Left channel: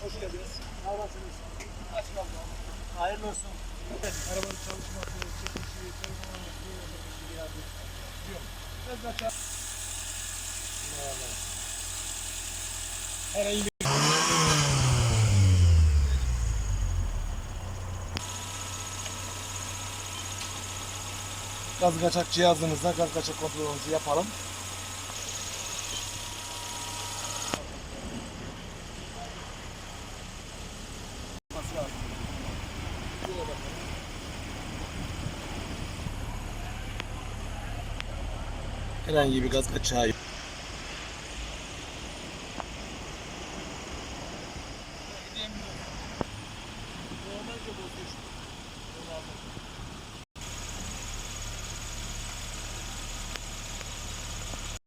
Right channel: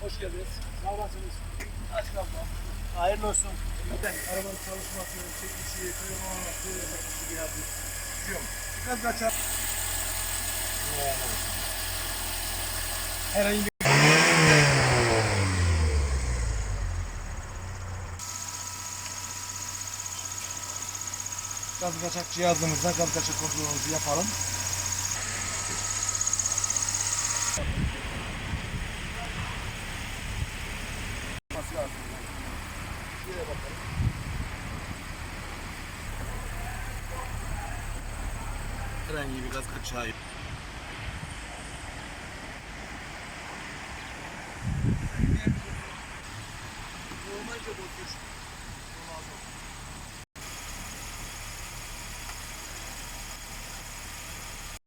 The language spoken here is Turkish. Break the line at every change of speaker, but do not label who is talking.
Hoş geldiniz. Sağ olasınız. Aç kalma. Hayırlı olsun. Arabanın çalışması, çekişi, performansı, hepsi geldi. Diyorum. Biraz kaçar. Herhangi bir gaz kaçak cihazımızla gaz kaçak kontrolümüzü yapalım. Şöyle bakalım. Herhangi bir gaz kaçağı yok. Normal bozuyor.